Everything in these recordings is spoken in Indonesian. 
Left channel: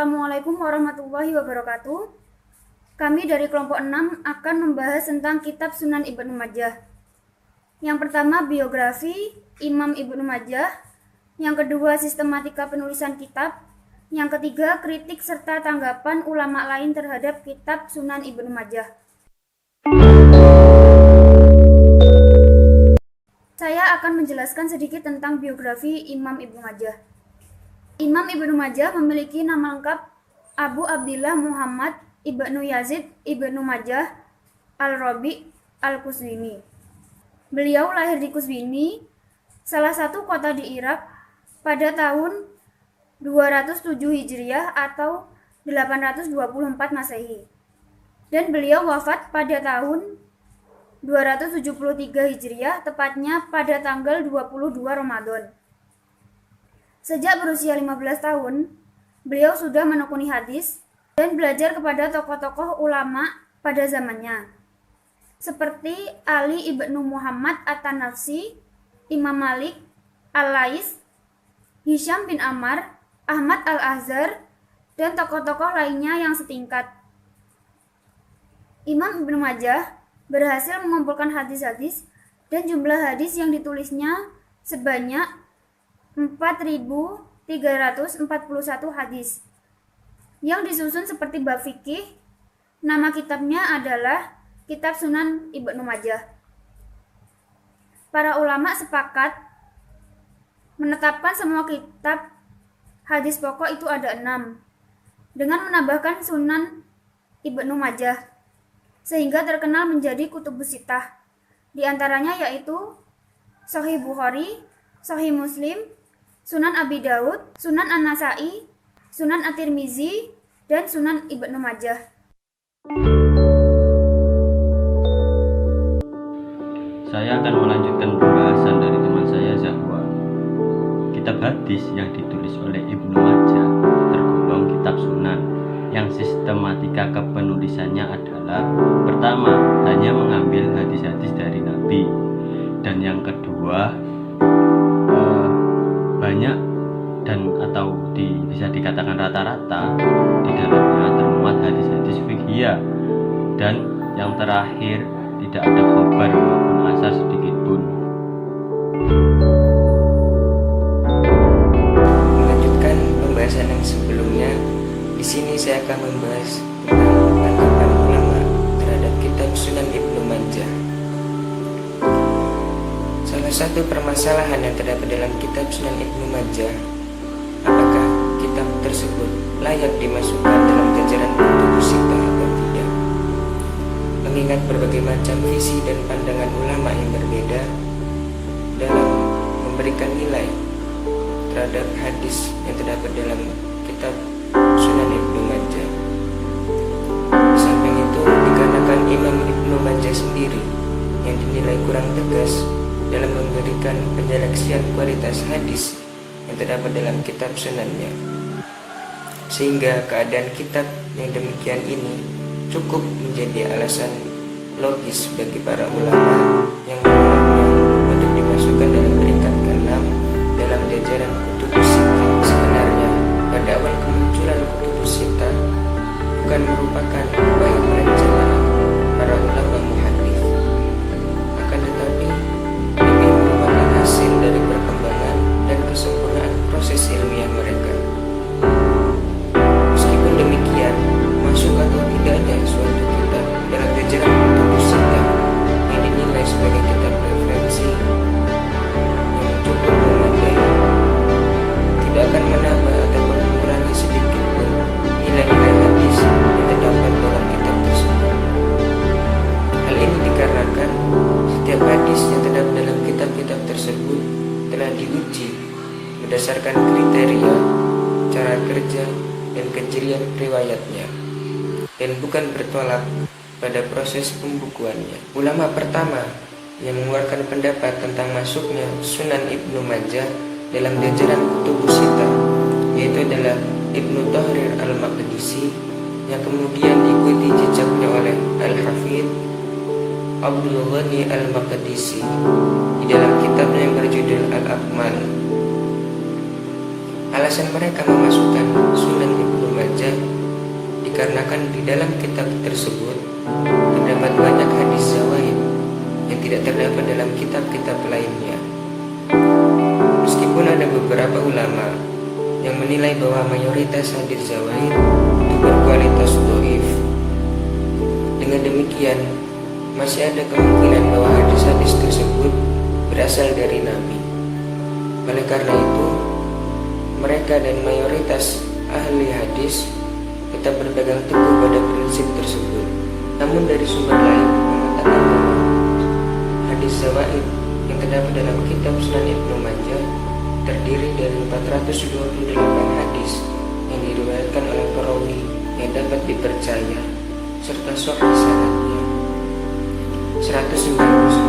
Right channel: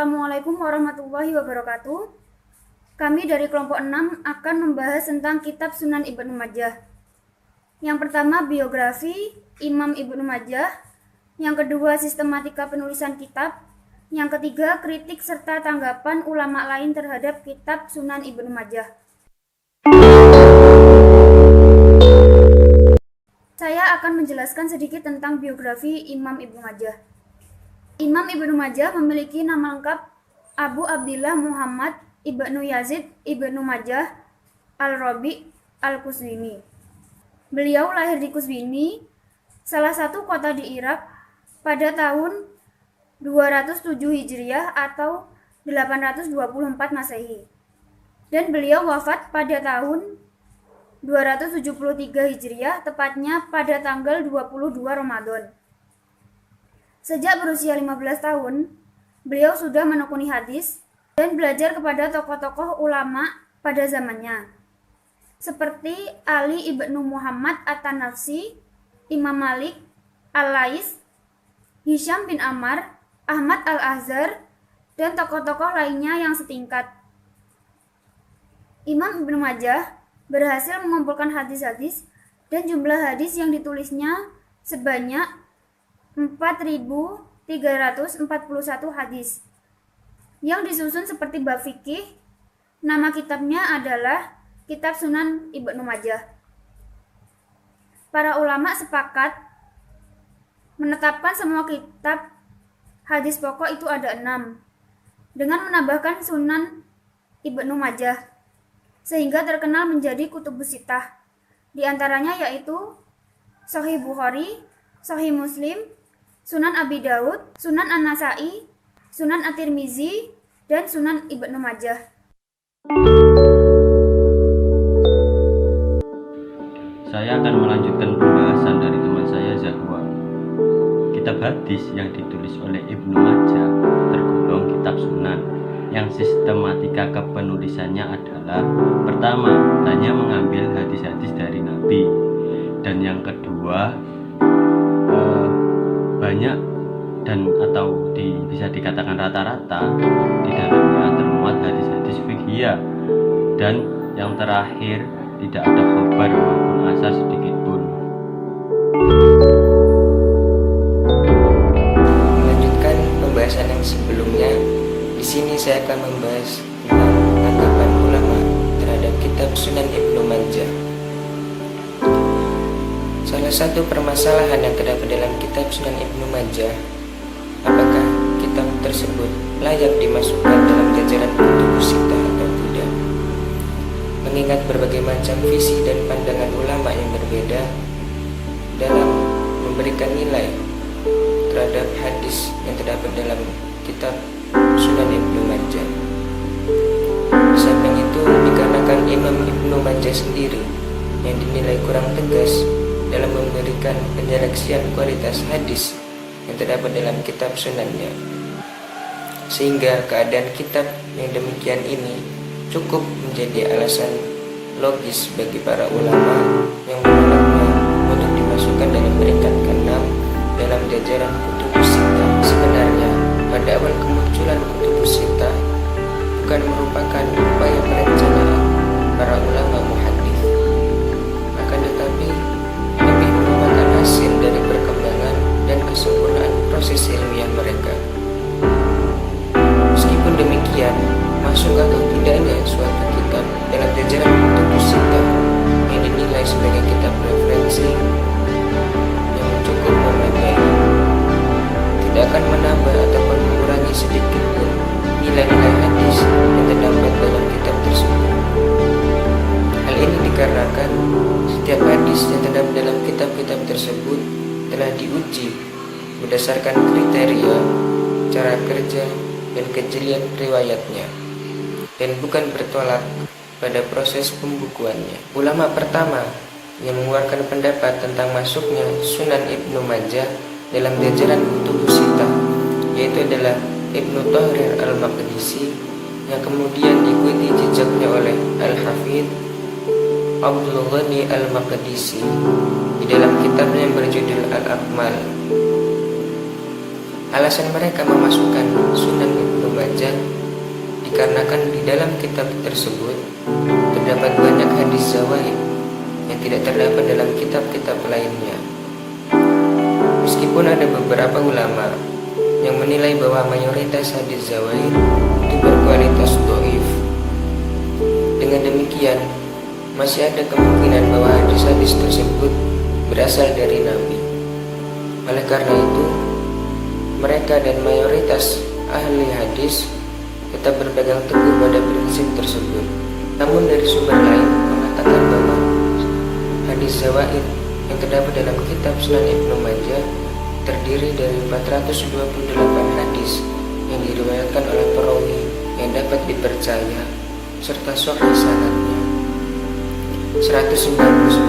Assalamualaikum warahmatullahi wabarakatuh. Kami dari kelompok 6 akan membahas tentang kitab Sunan Ibnu Majah. Yang pertama, biografi Imam Ibnu Majah. Yang kedua, sistematika penulisan kitab. Yang ketiga, kritik serta tanggapan ulama lain terhadap kitab Sunan Ibnu Majah. Saya akan menjelaskan sedikit tentang biografi Imam Ibnu Majah. Imam Ibnu Majah memiliki nama lengkap Abu Abdillah Muhammad Ibnu Yazid Ibnu Majah Al-Rabi Al-Qazwini. Beliau lahir di Qazwini, salah satu kota di Irak, pada tahun 207 Hijriah atau 824 Masehi. Dan beliau wafat pada tahun 273 Hijriah, tepatnya pada tanggal 22 Ramadan. Sejak berusia 15 tahun, beliau sudah menekuni hadis dan belajar kepada tokoh-tokoh ulama pada zamannya, seperti Ali ibnu Muhammad At-Tanafsi, Imam Malik, Al-Lais, Hisham bin Ammar, Ahmad Al-Azhar, dan tokoh-tokoh lainnya yang setingkat. Imam Ibnu Majah berhasil mengumpulkan hadis-hadis dan jumlah hadis yang ditulisnya sebanyak 4.341 hadis yang disusun seperti bab fikih. Nama kitabnya adalah Kitab Sunan Ibnu Majah. Para ulama sepakat menetapkan semua kitab hadis pokok itu ada 6, dengan menambahkan Sunan Ibnu Majah, sehingga terkenal menjadi kutubus sittah. Di antaranya yaitu Sahih Bukhari, Sahih Muslim, Sunan Abi Daud, Sunan An-Nasai, Sunan At-Tirmizi, dan Sunan Ibnu Majah. Saya akan melanjutkan pembahasan dari teman saya Zahwa. Kitab hadis yang ditulis oleh Ibnu Majah tergolong kitab sunan, yang sistematika kepenulisannya adalah: pertama, hanya mengambil hadis-hadis dari Nabi, dan yang kedua, banyak dan atau bisa dikatakan rata-rata di dalamnya termuat hadis-hadis fiqhiyah, dan yang terakhir tidak ada khobar maupun asar sedikit pun. Melanjutkan pembahasan yang sebelumnya, di sini saya akan membahas tentang tanggapan ulama terhadap kitab Sunan Ibnu Majah. Salah satu permasalahan yang terdapat dalam kitab Sunan Ibnu Majah, apakah kitab tersebut layak dimasukkan dalam jajaran kutubus sittah atau tidak. Mengingat berbagai macam visi dan pandangan ulama yang berbeda dalam memberikan nilai terhadap hadis yang terdapat dalam kitab Sunan Ibnu Majah. Di samping itu, dikarenakan Imam Ibnu Majah sendiri yang dinilai kurang tegas dalam memberikan penyeleksian kualitas hadis yang terdapat dalam kitab sunannya, sehingga keadaan kitab yang demikian ini cukup menjadi alasan logis bagi para ulama yang menolaknya untuk dimasukkan dalam peringkat ke-6 dalam jajaran kutubus sittah. Sebenarnya pada awal kemunculan kutubus sittah bukan merupakan upaya perencanaan para ulama muhadits, akan tetapi lebih merupakan hasil dari perkembangan dan kesempurnaan proses ilmiah mereka. Meskipun demikian, masuk atau tidaknya suatu kitab dalam jajaran kutubus sittah yang dinilai sebagai kitab referensi yang cukup memadai tidak akan menambah ataupun mengurangi sedikit pun nilai-nilai hadis yang terdapat dalam kitab tersebut. Hal ini dikarenakan setiap hadis yang terdapat dalam kitab-kitab tersebut telah diuji berdasarkan kriteria, cara kerja, dan kejelian riwayatnya, dan bukan bertolak pada proses pembukuannya. Ulama pertama yang mengeluarkan pendapat tentang masuknya Sunan Ibnu Majah dalam jajaran kutubus sittah yaitu adalah Ibnu Tahrir Al-Maqdisi, yang kemudian diikuti jejaknya oleh Al-Hafidz Abdul Ghani Al-Maqdisi di dalam kitabnya yang berjudul Al-Akmal. Alasan mereka memasukkan Sunan Ibnu Majah dikarenakan di dalam kitab tersebut terdapat banyak hadis zawaid yang tidak terdapat dalam kitab-kitab lainnya. Meskipun ada beberapa ulama yang menilai bahwa mayoritas hadis zawaid itu berkualitas dhaif, dengan demikian masih ada kemungkinan bahwa hadis-hadis tersebut berasal dari Nabi. Oleh karena itu, mereka dan mayoritas ahli hadis tetap berpegang teguh pada prinsip tersebut. Namun dari sumber lain mengatakan bahwa hadis zawaid yang terdapat dalam kitab Sunan Ibnu Majah terdiri dari 428 hadis yang diriwayatkan oleh perawi yang dapat dipercaya serta sahih sanadnya, 199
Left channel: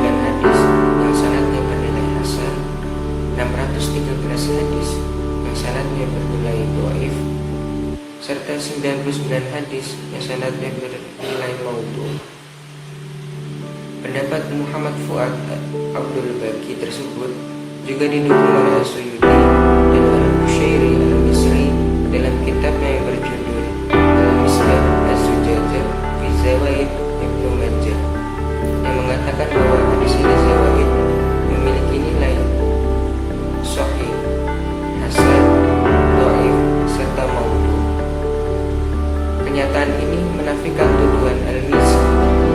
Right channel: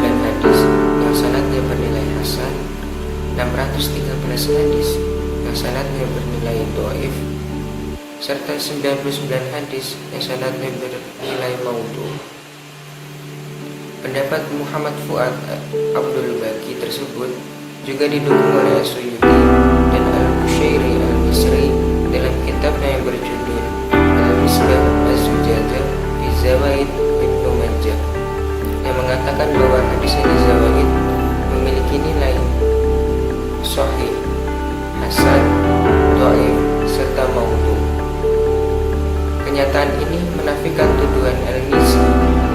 hadis yang sanadnya bernilai hasan, 613 hadis yang sanadnya bernilai dhaif, serta 99 hadis yang sanadnya bernilai maudhu. Pendapat Muhammad Fuad Abdul Baqi tersebut juga didukung oleh As-Suyuti dan Al-Bushairi Al-Misri dalam kitabnya yang berjudul Al-Misbah Az-Zujadah fi Zawaid Ibnu Majah, yang mengatakan bahwa hadis-hadis zawaid memiliki nilai sahih, hasan, dhaif, serta maudhu. Kenyataan ini menafikan tuduhan Al-Mizzi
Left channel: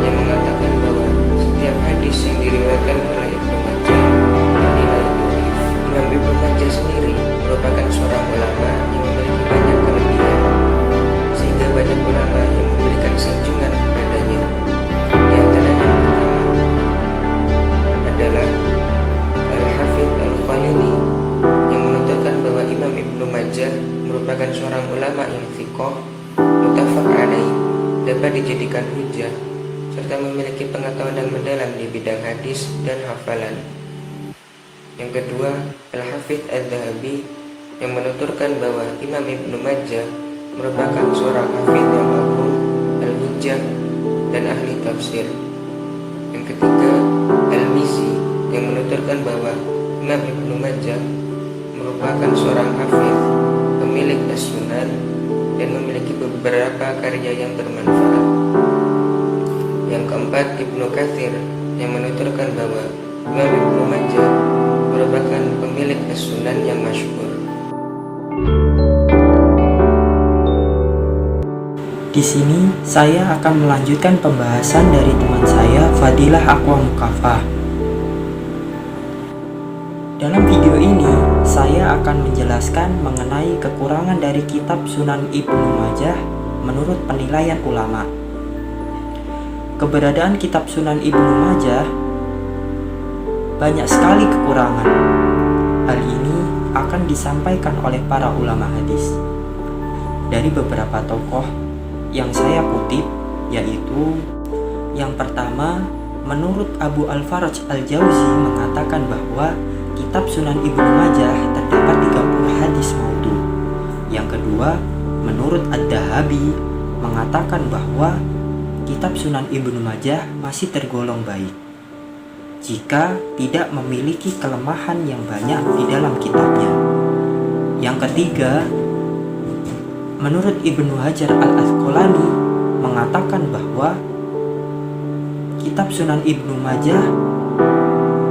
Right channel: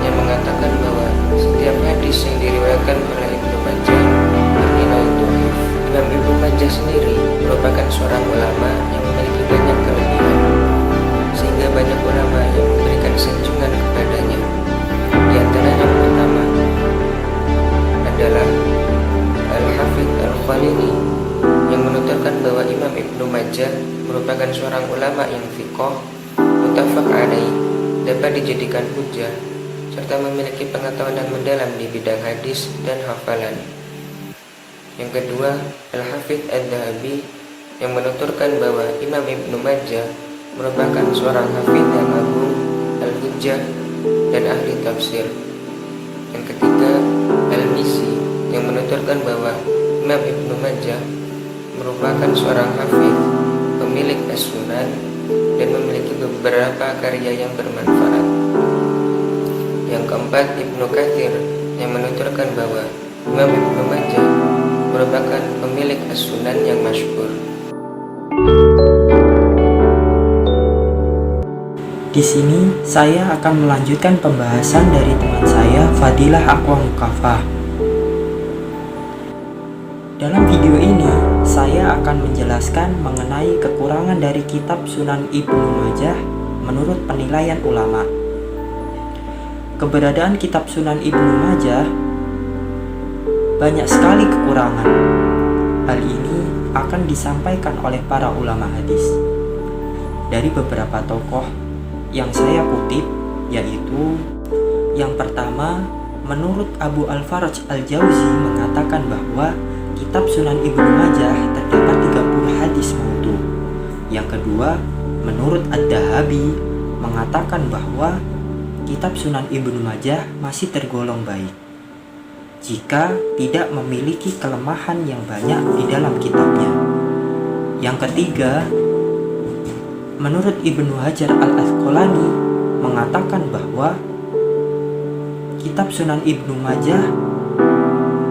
yang mengatakan bahwa setiap hadis yang diriwayatkan oleh Ibnu Majah bernilai dhaif. Imam Ibnu Majah sendiri merupakan seorang ulama yang memiliki banyak kelebihan, sehingga banyak ulama yang memberikan sanjungan kepadanya. Di antaranya yang pertama adalah Al-Hafidz Al-Khalili yang menuturkan bahwa Imam Ibnu Majah merupakan seorang ulama yang thiqah, muttafaq alaih, dapat dijadikan hujjah, serta memiliki pengetahuan yang mendalam di bidang hadis dan hafalan. Yang kedua, Al-Hafidz Adz-Dzahabi yang menuturkan bahwa Imam Ibnu Majah merupakan seorang hafidz yang agung, al-hujjah, dan ahli tafsir. Yang ketiga, Al-Mizzi yang menuturkan bahwa Imam Ibnu Majah merupakan seorang hafidz, pemilik as-sunan, dan memiliki beberapa karya yang bermanfaat. Yang keempat, Ibnu Katsir yang menuturkan bahwa Imam Ibnu Majah merupakan pemilik as-sunan yang masyhur. Di sini saya akan melanjutkan pembahasan dari teman saya Fadilah Aqwa Mukafah. Dalam video ini saya akan menjelaskan mengenai kekurangan dari kitab Sunan Ibnu Majah menurut penilaian ulama. Keberadaan kitab Sunan Ibnu Majah banyak sekali kekurangan. Hal ini akan disampaikan oleh para ulama hadis dari beberapa tokoh yang saya kutip, yaitu yang pertama, menurut Abu Al-Faraj Al-Jauzi mengatakan bahwa kitab Sunan Ibnu Majah terdapat 30 hadis maudhu. Yang kedua, menurut Ad-Dahabi mengatakan bahwa kitab Sunan Ibnu Majah masih tergolong baik jika tidak memiliki kelemahan yang banyak di dalam kitabnya. Yang ketiga, menurut Ibnu Hajar Al-Asqalani mengatakan bahwa kitab Sunan Ibnu Majah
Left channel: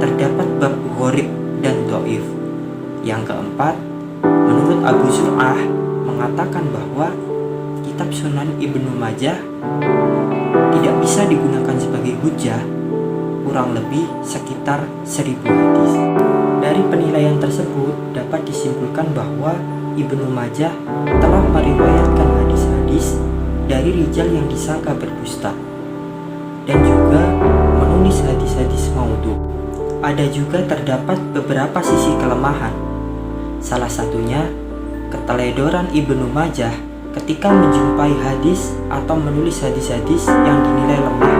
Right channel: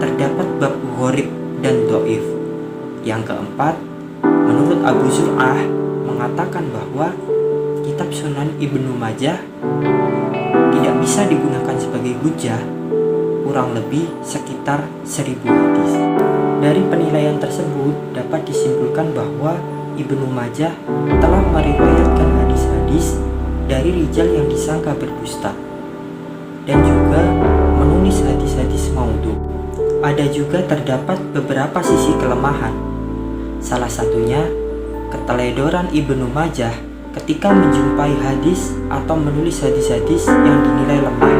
terdapat bab gharib dan dhaif. Yang keempat, menurut Abu Zur'ah mengatakan bahwa kitab Sunan Ibnu Majah tidak bisa digunakan sebagai hujjah, kurang lebih sekitar 1000 hadis. Dari penilaian tersebut dapat disimpulkan bahwa Ibnu Majah telah meriwayatkan hadis-hadis dari rijal yang disangka berdusta dan juga menulis hadis-hadis maudhu. Ada juga terdapat beberapa sisi kelemahan. Salah satunya keteledoran Ibnu Majah ketika menjumpai hadis atau menulis hadis-hadis yang dinilai lemah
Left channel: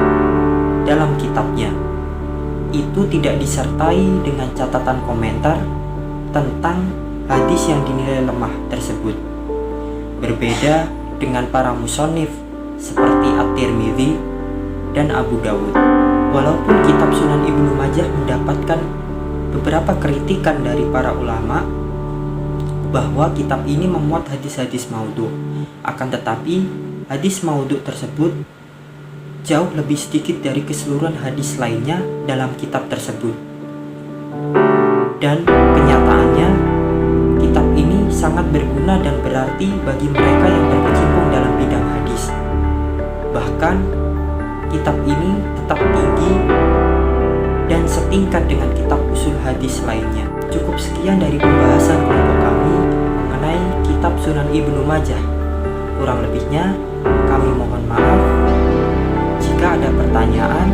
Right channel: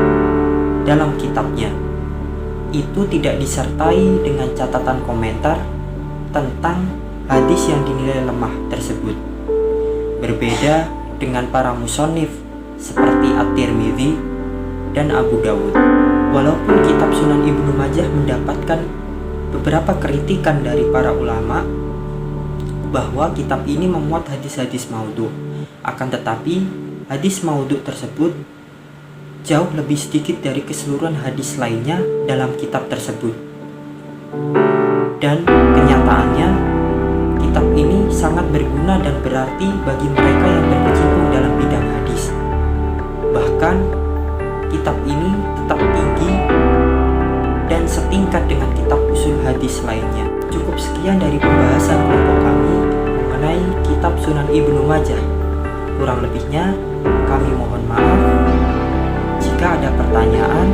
dalam kitabnya. Itu tidak disertai dengan catatan komentar tentang hadis yang dinilai lemah tersebut. Berbeda dengan para musonif seperti At-Tirmidzi dan Abu Dawud. Walaupun kitab Sunan Ibnu Majah mendapatkan beberapa kritikan dari para ulama, bahwa kitab ini memuat hadis-hadis maudhu. Akan tetapi, hadis maudhu tersebut jauh lebih sedikit dari keseluruhan hadis lainnya dalam kitab tersebut. Dan kenyataannya, kitab ini sangat berguna dan berarti bagi mereka yang berkecimpung dalam bidang hadis. Bahkan, kitab ini tetap tinggi dan setingkat dengan kitab usul hadis lainnya. Cukup sekian dari pembahasan kelompok kami mengenai kitab Sunan Ibnu Majah. Kurang lebihnya, kami mohon maaf. Jika ada pertanyaan,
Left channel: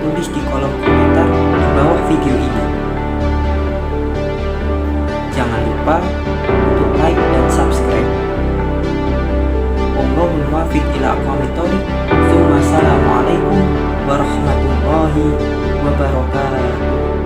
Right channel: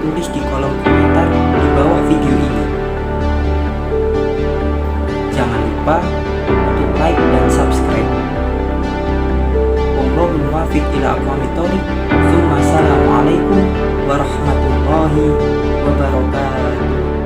tulis di kolom komentar di bawah video ini. Jangan lupa untuk like dan subscribe. Wallahul muwaffiq ila aqwamit thoriq. Assalamualaikum warahmatullahi wabarakatuh.